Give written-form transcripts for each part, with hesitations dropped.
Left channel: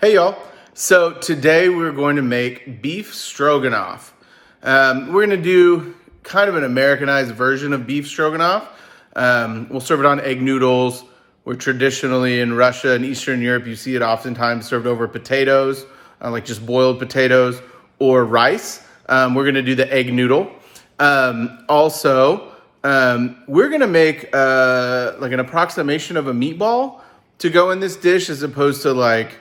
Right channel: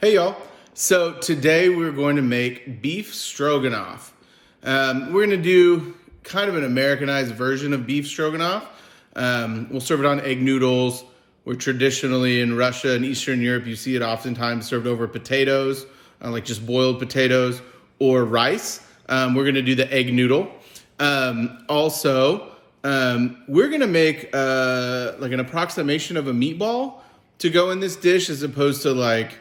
Hey y'all. So today we're going to make beef stroganoff. We're going to do kind of an Americanized version of beef stroganoff. We'll serve it on egg noodles. Where traditionally in Russia and Eastern Europe, you see it oftentimes served over potatoes, like just boiled potatoes or rice. We're going to do the egg noodle. Also, we're going to make like an approximation of a meatball to go in this dish as opposed to like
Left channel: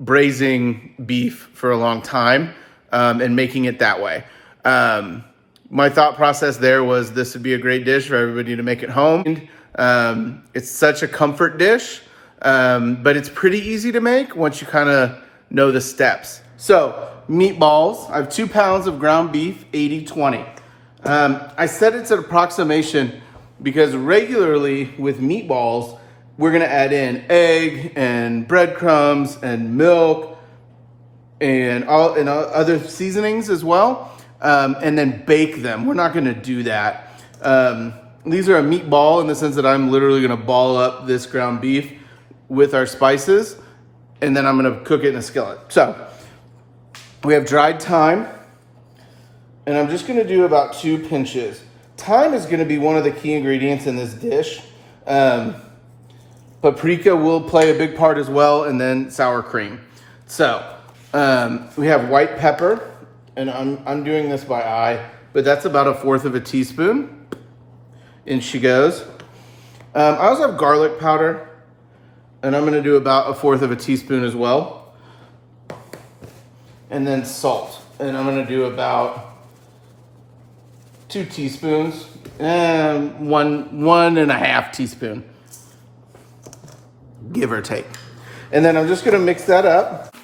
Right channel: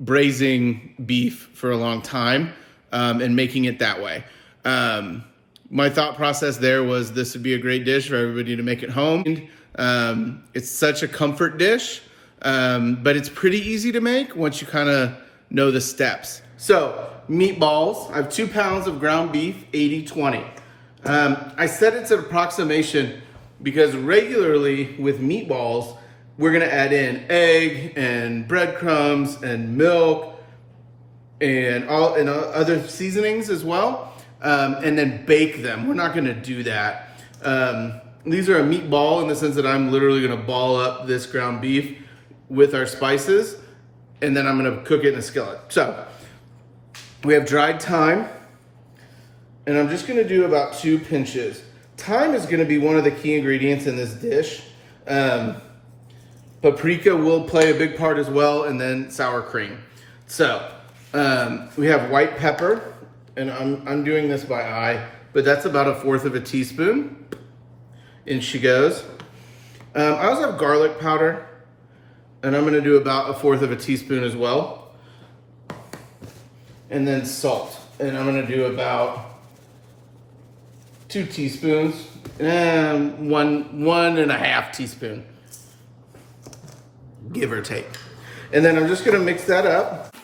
braising beef for a long time and making it that way. My thought process there was this would be a great dish for everybody to make at home. It's such a comfort dish, but it's pretty easy to make once you kind of know the steps. So meatballs, I have 2 pounds of ground beef, 80-20. I said it's an approximation because regularly with meatballs, we're gonna add in egg and breadcrumbs and milk and other seasonings as well, and then bake them. We're not gonna do that. These are a meatball in the sense that I'm literally gonna ball up this ground beef with our spices, and then I'm gonna cook it in a skillet. So we have dried thyme, and I'm just gonna do about 2 pinches. Thyme is gonna be one of the key ingredients in this dish. Paprika will play a big part as well, and then sour cream. So we have white pepper, and I'm doing this by eye, but that's about 1/4 teaspoon. In she goes. I also have garlic powder, and I'm gonna do about 1/4 teaspoon as well. And then salt, and I'm gonna do about 2 teaspoons, and one and a half teaspoon. Give or take. And then I'm just gonna mix that up.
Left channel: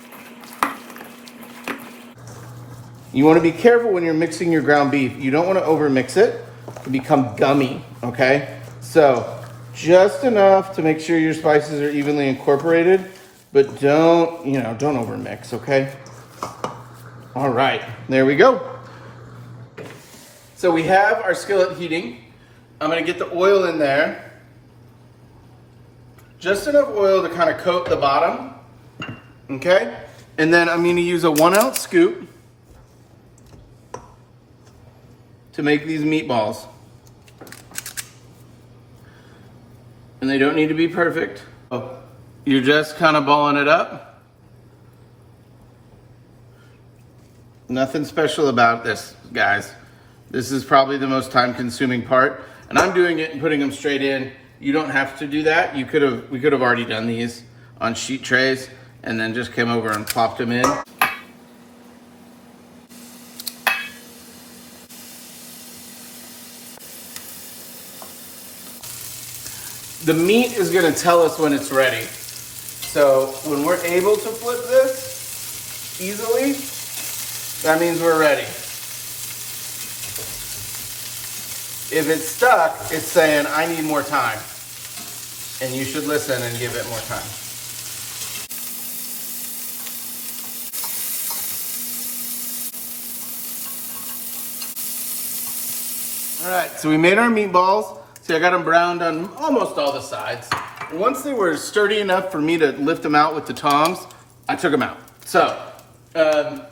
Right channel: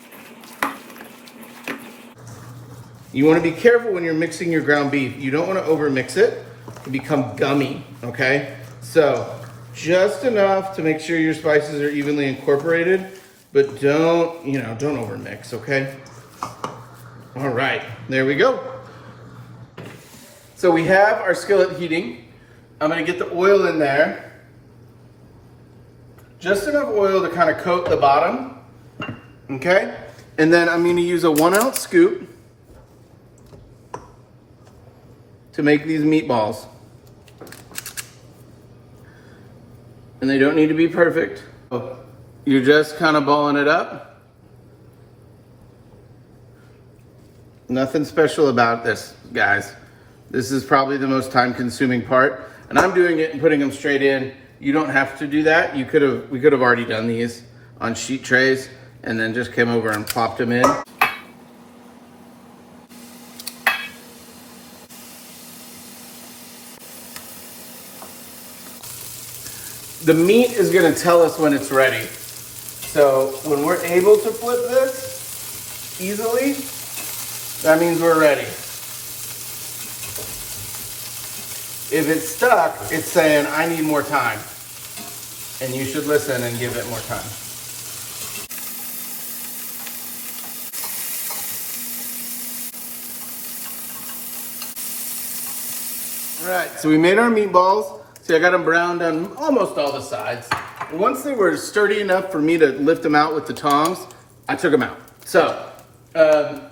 You wanna be careful when you're mixing your ground beef. You don't wanna over mix it to become gummy, okay? So just enough to make sure your spices are evenly incorporated, but don't over mix, okay? All right, there we go. So we have our skillet heating. I'm gonna get the oil in there. Just enough oil to kind of coat the bottom, okay? And then I'm gonna use a 1-ounce scoop to make these meatballs. And they don't need to be perfect. You're just kind of balling it up. Nothing special about this, guys. This is probably the most time-consuming part. And I'm doing it and putting them straight in. You don't have to do that. We could have already done these on sheet trays and then just came over and plopped them in. The meat is gonna tell us when it's ready. So when we're able to flip this easily, that means we're ready. If it's stuck, it's saying, I need more time. And you should listen and give it more time. All right, so we made our meatballs. See, I got them browned on almost all the sides. And once they were sturdy enough for me to lift them out with the tongs, I took them out. So,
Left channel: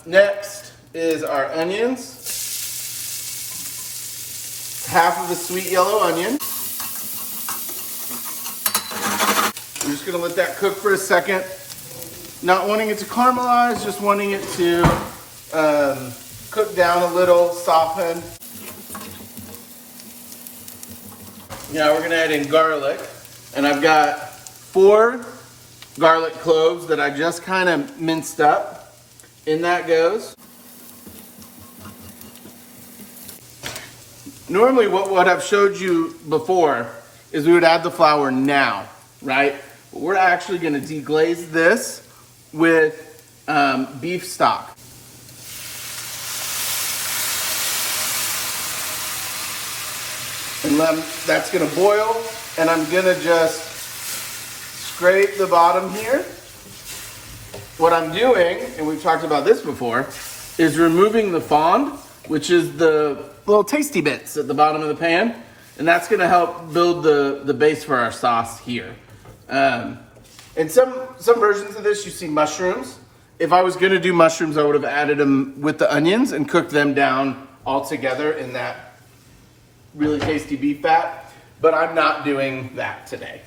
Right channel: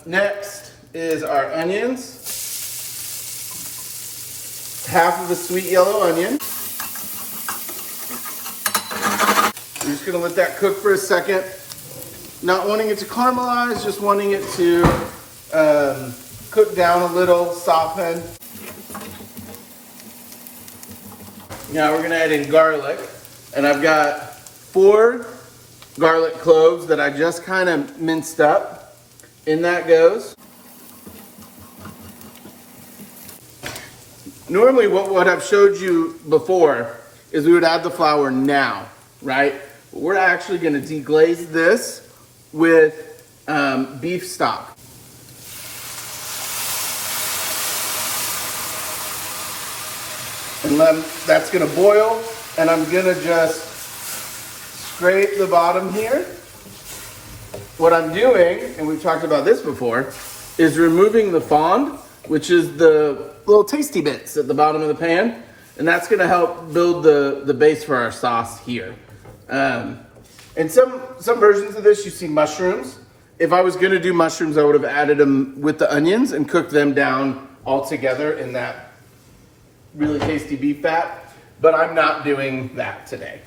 next is our onions. Half of a sweet yellow onion. I'm just gonna let that cook for a second. Not wanting it to caramelize, just wanting it to cook down a little, soften. Now we're gonna add in garlic, and I've got 4 garlic cloves that I just kind of minced up. In that goes. Normally what I've showed you before is we would add the flour now, right? But we're actually gonna deglaze this with beef stock. And that's gonna boil, and I'm gonna just scrape the bottom here. What I'm doing, and we've talked about this before, is removing the fond, which is the little tasty bits at the bottom of the pan, and that's gonna help build the base for our sauce here. In some versions of this, you see mushrooms. If I was gonna do mushrooms, I would have added them with the onions and cooked them down all together in that really tasty beef fat, but I'm not doing that today.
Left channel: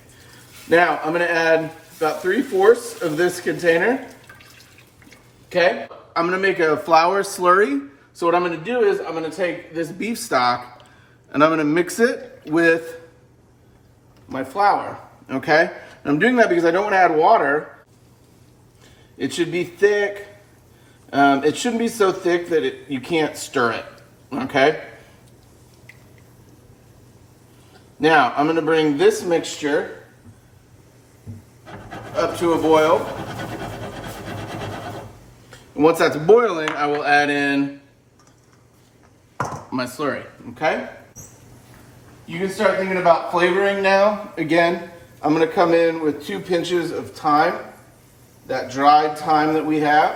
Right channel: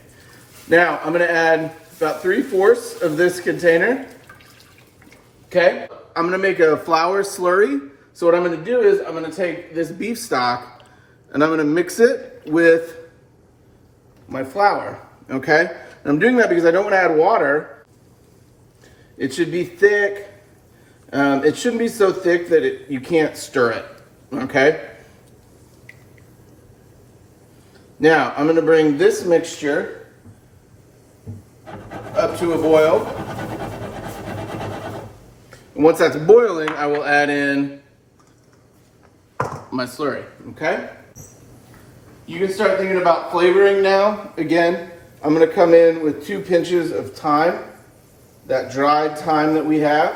Now, I'm gonna add about 3/4 of this container. Okay, I'm gonna make a flour slurry. So what I'm gonna do is I'm gonna take this beef stock and I'm gonna mix it with my flour, okay? And I'm doing that because I don't wanna add water. It should be thick. It shouldn't be so thick that you can't stir it, okay? Now, I'm gonna bring this mixture up to a boil. And once that's boiling, I will add in my slurry, okay? You can start thinking about flavoring now. Again, I'm gonna come in with 2 pinches of thyme, that dried thyme that we have.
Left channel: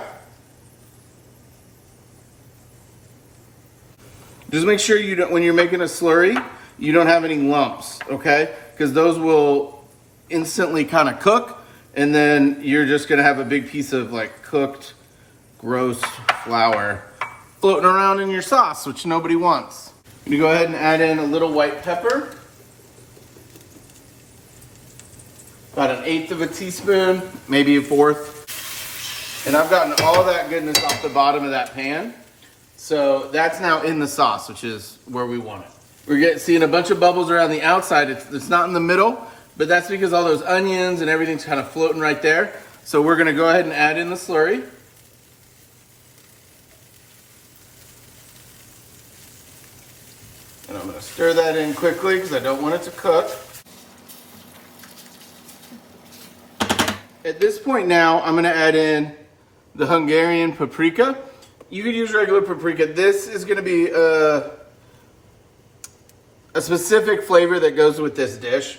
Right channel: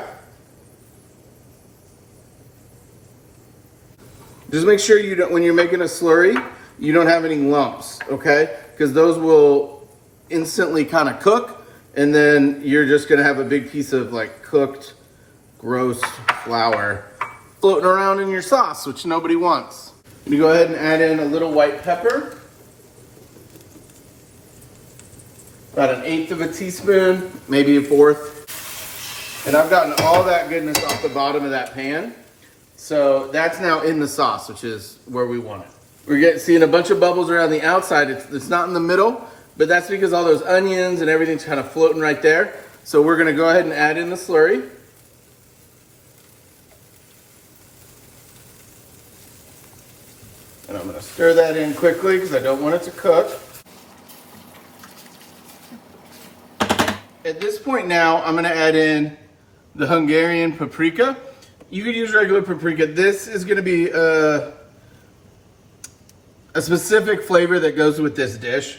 Just make sure you don't, when you're making a slurry, you don't have any lumps, okay? Because those will instantly kind of cook, and then you're just gonna have a big piece of like cooked, gross flour floating around in your sauce, which nobody wants. I'm gonna go ahead and add in a little white pepper. About 1/8 of a teaspoon, maybe 1/4. And I've gotten all that goodness off the bottom of that pan. So that's now in the sauce, which is where we want it. We're seeing a bunch of bubbles around the outside. It's not in the middle, but that's because all those onions and everything's kind of floating right there. So we're gonna go ahead and add in the slurry. And I'm gonna stir that in quickly because I don't want it to cook. At this point now, I'm gonna add in the Hungarian paprika. You could use regular paprika. This is gonna be a specific flavor that goes with this dish,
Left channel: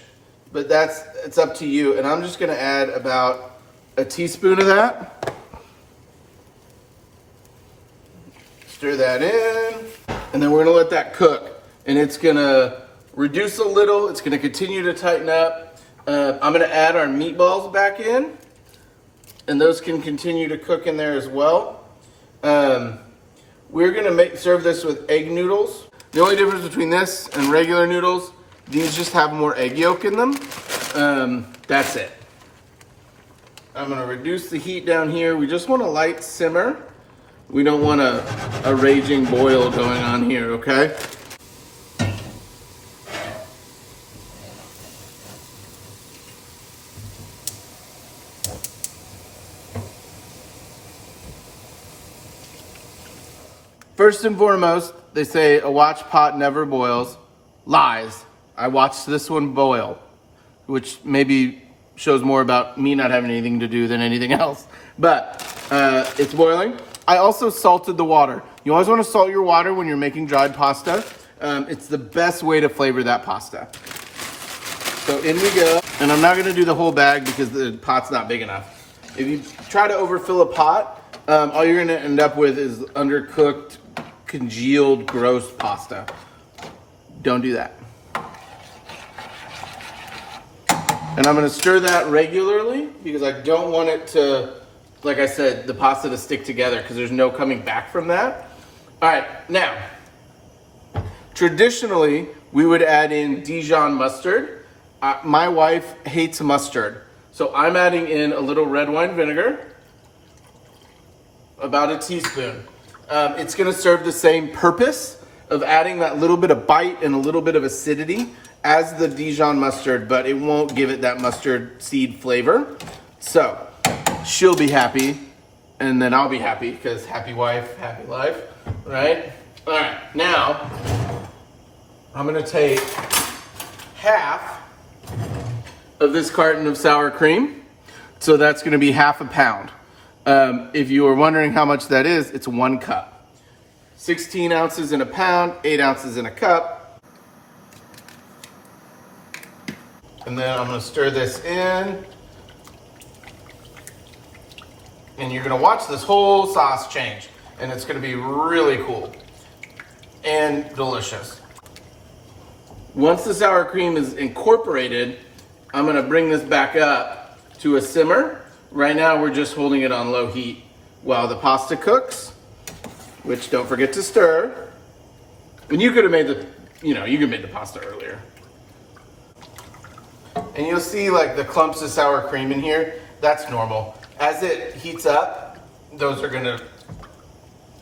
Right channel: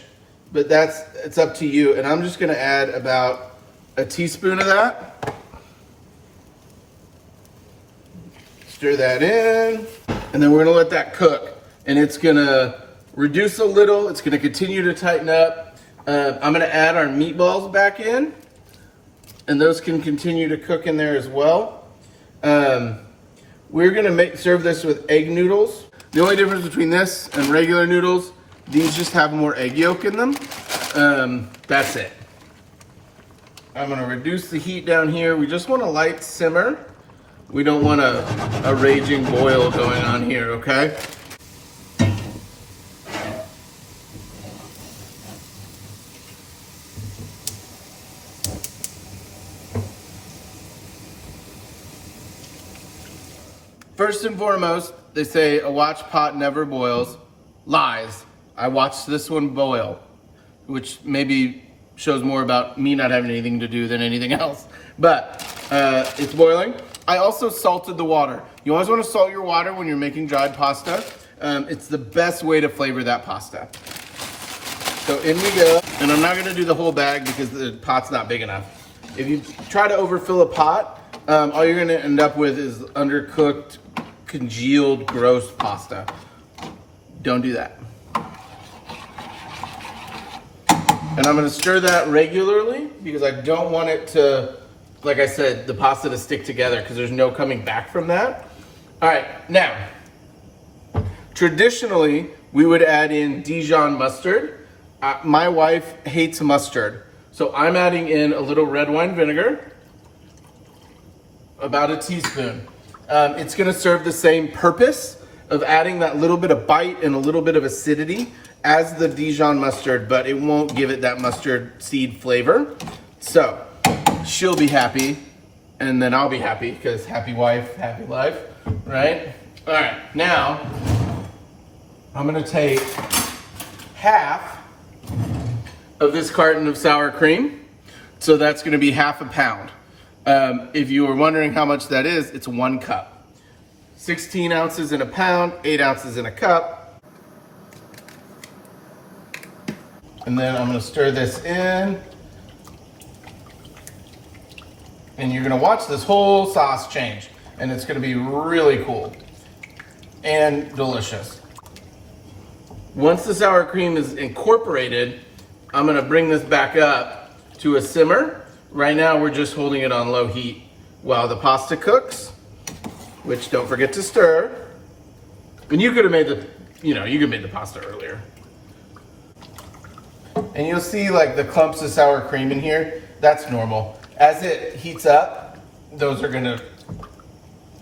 but it's up to you. And I'm just gonna add about a teaspoon of that. Stir that in, and then we're gonna let that cook. And it's gonna reduce a little, it's gonna continue to tighten up. I'm gonna add our meatballs back in, and those can continue to cook in there as well. We're gonna serve this with egg noodles. The only difference between this and regular noodles, these just have more egg yolk in them. That's it. I'm gonna reduce the heat down here. We just want a light simmer. We don't want a raging boil going on here, okay? First and foremost, they say a watch pot never boils. Lies. I watched this one boil, which maybe shows more about me not having anything to do than anything else. But it's boiling. I also salted the water. You always want to salt your water when you're making dried pasta. It's the best way to flavor that pasta. So in we go. And I'm not going to do the whole bag because the pot's not big enough. If you try to overfill a pot, all you're going to end up with is undercooked, congealed, gross pasta. Don't do that. And I'm gonna stir that regularly because I don't want it to, like I said, the pasta to stick together because there's no coming back from that. All right, now, traditionally, we would add in Dijon mustard. My wife hates mustard. So I'm adding in a little red wine vinegar, about a teaspoon. It's gonna serve the same purpose of adding that little bit of bite and a little bit of acidity as the Dijon mustard, but it won't give it that mustard seed flavor. So she'll be happy, and then I'll be happy because happy wife, happy life, right? All right, now I'm gonna take half of this carton of sour cream. So that's gonna be 1/2 pound. If you were wondering how much that is, it's 1 cup. 16 ounces in a pound, 8 ounces in a cup. And then I'm gonna stir this in. And you're gonna watch this whole sauce change. And it's gonna be really cool and delicious. Once the sour cream is incorporated, I'm gonna bring this back up to a simmer. Right now we're just holding it on low heat while the pasta cooks, which don't forget to stir. And you could have made you could have made the pasta earlier. And you'll see like the clumps of sour cream in here. That's normal. As it heats up, those are gonna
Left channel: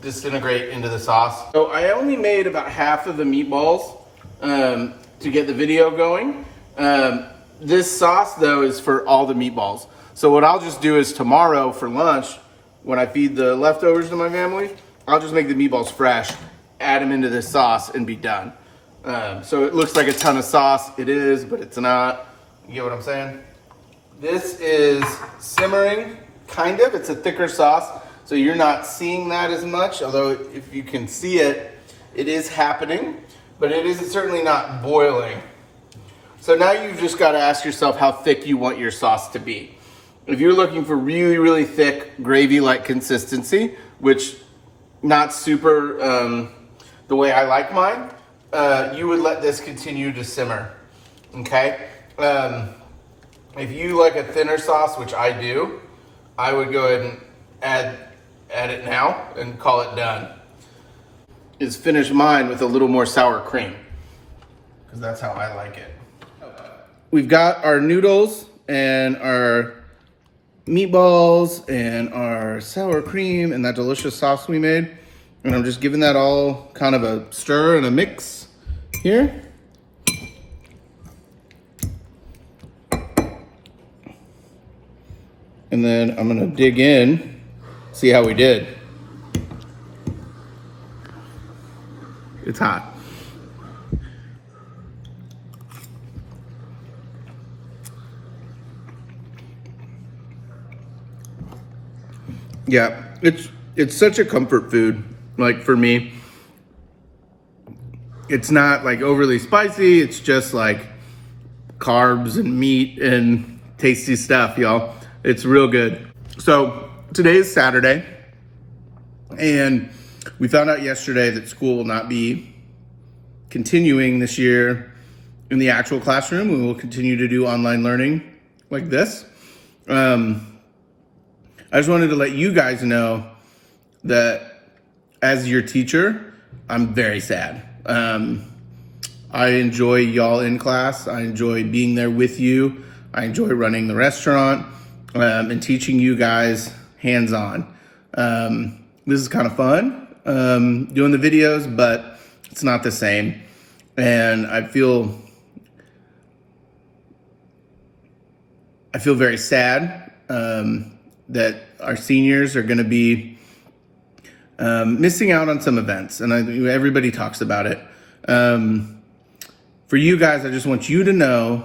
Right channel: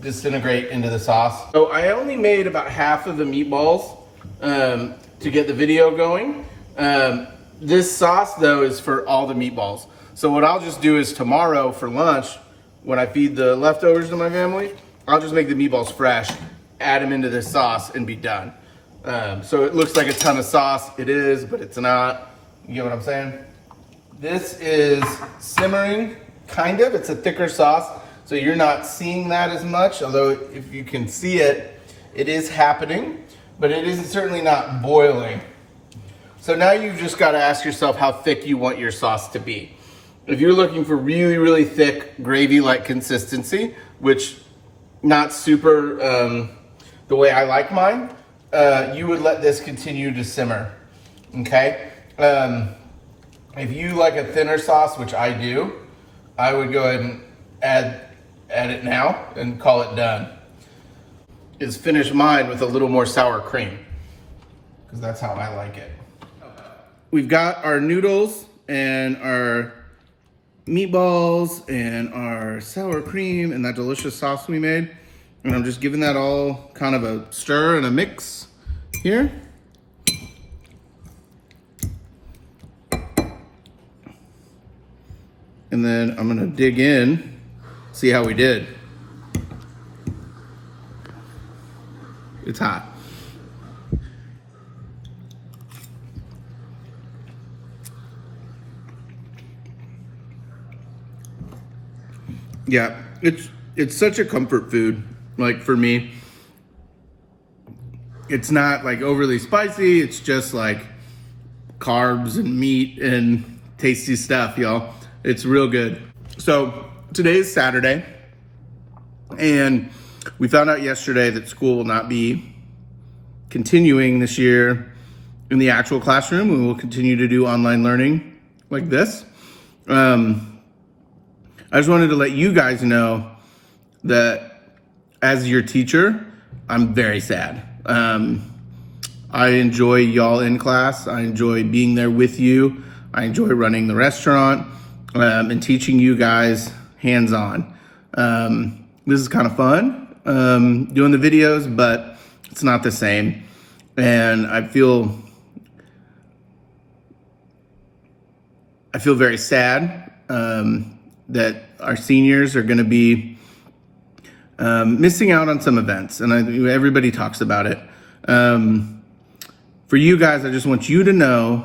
disintegrate into the sauce. So I only made about half of the meatballs to get the video going. This sauce though is for all the meatballs. So what I'll just do is tomorrow for lunch, when I feed the leftovers to my family, I'll just make the meatballs fresh, add them into this sauce and be done. So it looks like a ton of sauce. It is, but it's not. You get what I'm saying? This is simmering, kind of. It's a thicker sauce, so you're not seeing that as much, although if you can see it, it is happening, but it is certainly not boiling. So now you've just got to ask yourself how thick you want your sauce to be. If you're looking for really, really thick gravy-like consistency, which not super the way I like mine, you would let this continue to simmer, okay? If you like a thinner sauce, which I do, I would go ahead and add it now and call it done. Is finish mine with a little more sour cream, because that's how I like it. We've got our noodles and our meatballs and our sour cream and that delicious sauce we made. And I'm just giving that all kind of a stir and a mix here. And then I'm gonna dig in, see how we did. It's hot. Yeah, it's such a comfort food. Like for me, it's not like overly spicy. It's just like carbs and meat and tasty stuff, y'all. It's real good. So today is Saturday, and we found out yesterday that school will not be continuing this year in the actual classroom. We will continue to do online learning like this. I just wanted to let you guys know that as your teacher, I'm very sad. I enjoy y'all in class. I enjoy being there with you. I enjoy running the restaurant and teaching you guys hands-on. This is kind of fun, doing the videos, but it's not the same. And I feel very sad that our seniors are going to be missing out on some events, and everybody talks about it. For you guys, I just want you to know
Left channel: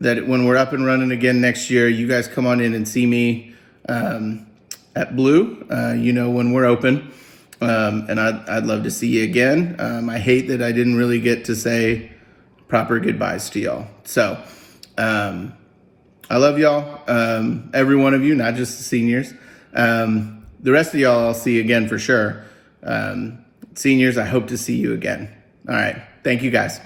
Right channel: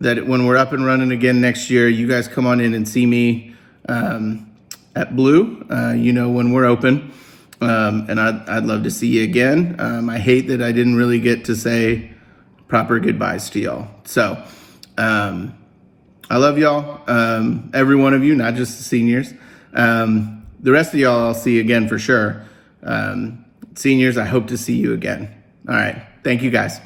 that when we're up and running again next year, you guys come on in and see me at Blue, when we're open, and I'd love to see you again. I hate that I didn't really get to say proper goodbyes to y'all. So I love y'all, every one of you, not just the seniors. The rest of y'all I'll see again for sure. Seniors, I hope to see you again. All right, thank you guys.